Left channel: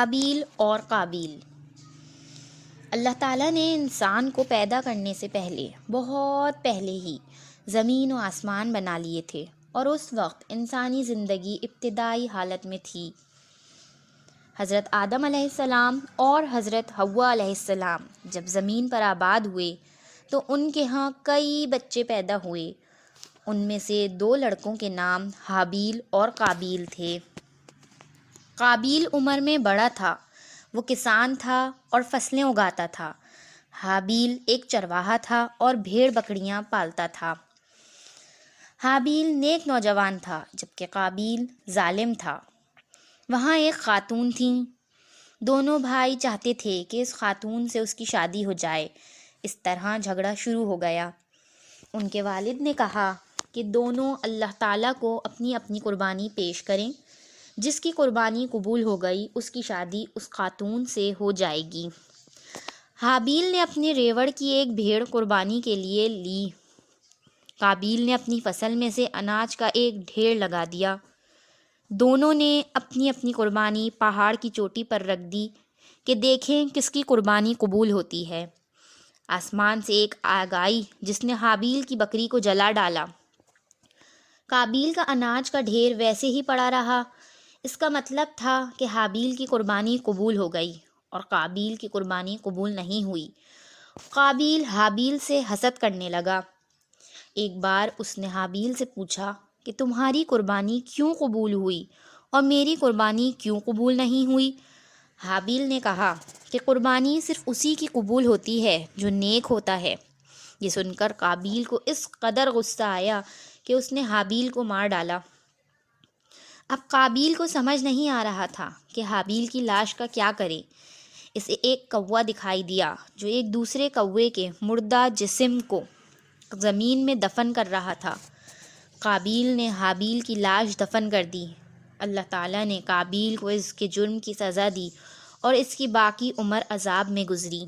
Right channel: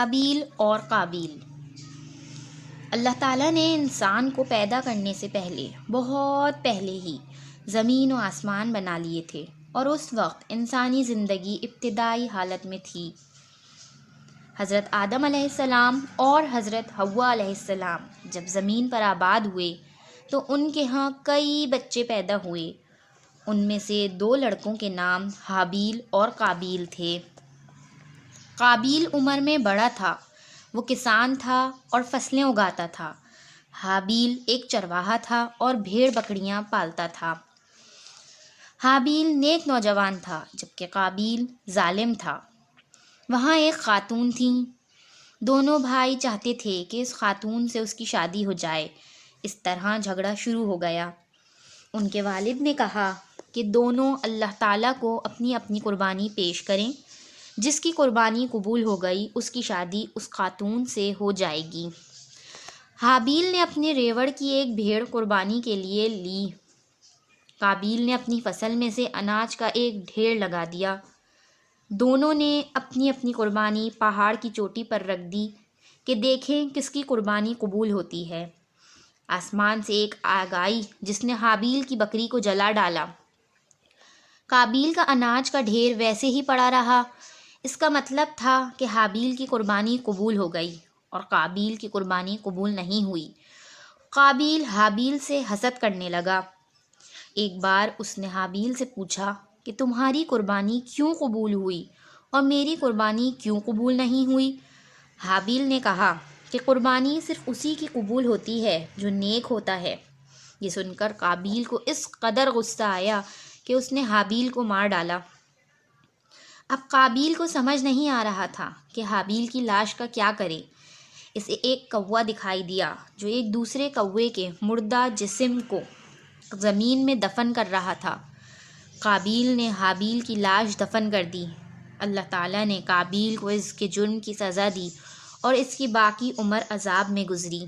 حابیل اور قابیل۔ اللہ تعالیٰ نے انسان کو پیدا کرنے سے پہلے، بہت پہلے ہی زمین و آسمان بنا لیے تھے، اور اس وقت انسانی زندگی ابتدائی حالت میں تھی۔ حضرت آدم علیہ السلام اور حضرت حوا علیہ السلام جب زمین پر آباد ہوئے تو ان کے ہاں کئی بچے پیدا ہوئے۔ ان میں سے 2 لڑکوں کے نام حابیل اور قابیل تھے۔ قابیل عمر میں بڑا تھا، وہ کسان تھا اور فصلیں اگاتا تھا۔ حابیل ایک چرواہا تھا اور بھیڑ بکریاں پالتا تھا۔ حابیل نیک نوجوان تھا جبکہ قابیل ظالم تھا۔ وہاں ایک خاتون تھیں، دونوں بھائی چاہتے تھے کہ اس خاتون سے اس کی شادی ہو جائے۔ اس طرح جھگڑا شروع ہو گیا۔ ان کے والد نے کہا کہ دونوں اللہ تعالیٰ کو اپنی اپنی قربانی پیش کریں، جس کی قربانی قبول ہو گئی اس کی شادی اس خاتون سے ہو جائے گی۔ حابیل نے اپنے ریوڑ کی ایک بھیڑ قربانی کے لیے لی۔ قابیل نے اپنی فصل میں سے اناج کا ایک ڈھیر لگا دیا۔ دونوں نے اپنی اپنی قربانی پہاڑ کی چوٹی پر رکھ دی کہ دیکھیں کس کی قربانی قبول ہوتی ہے۔ آسمان سے ایک آگ آئی جس نے حابیل کی بکری کو جلا ڈالا۔ قابیل کا اناج کا ڈھیر ویسے ہی پڑا رہا۔ اس کا مطلب تھا کہ حابیل کی قربانی قبول ہو گئی اور قابیل کی قربانی قبول نہیں ہوئی۔ قابیل حابیل سے حسد کرنے لگا۔ ایک بار اس نے حابیل سے پوچھا کہ تمہاری قربانی کیوں قبول ہوئی اور میری قربانی کیوں قبول نہیں ہوئی؟ حابیل نے کہا کہ قربانی صرف اسی کی قبول ہوتی ہے جو نیک ہوتا ہے۔ یہ سن کر قابیل کو اس قدر غصہ آیا کہ اس نے حابیل کو مار ڈالا۔ اب قابیل کو سمجھ نہیں آ رہا تھا کہ حابیل کی لاش کا کیا کرے۔ اسے ایک کوا دکھائی دیا جو ایک دوسرے کوے کے مردہ جسم کو زمین میں دفن کر رہا تھا۔ قابیل نے حابیل کی لاش دفن کر دی۔ اللہ تعالیٰ نے قابیل کو اس کے جرم کی سزا دی اور اس کی باقی عمر عذاب میں گزری۔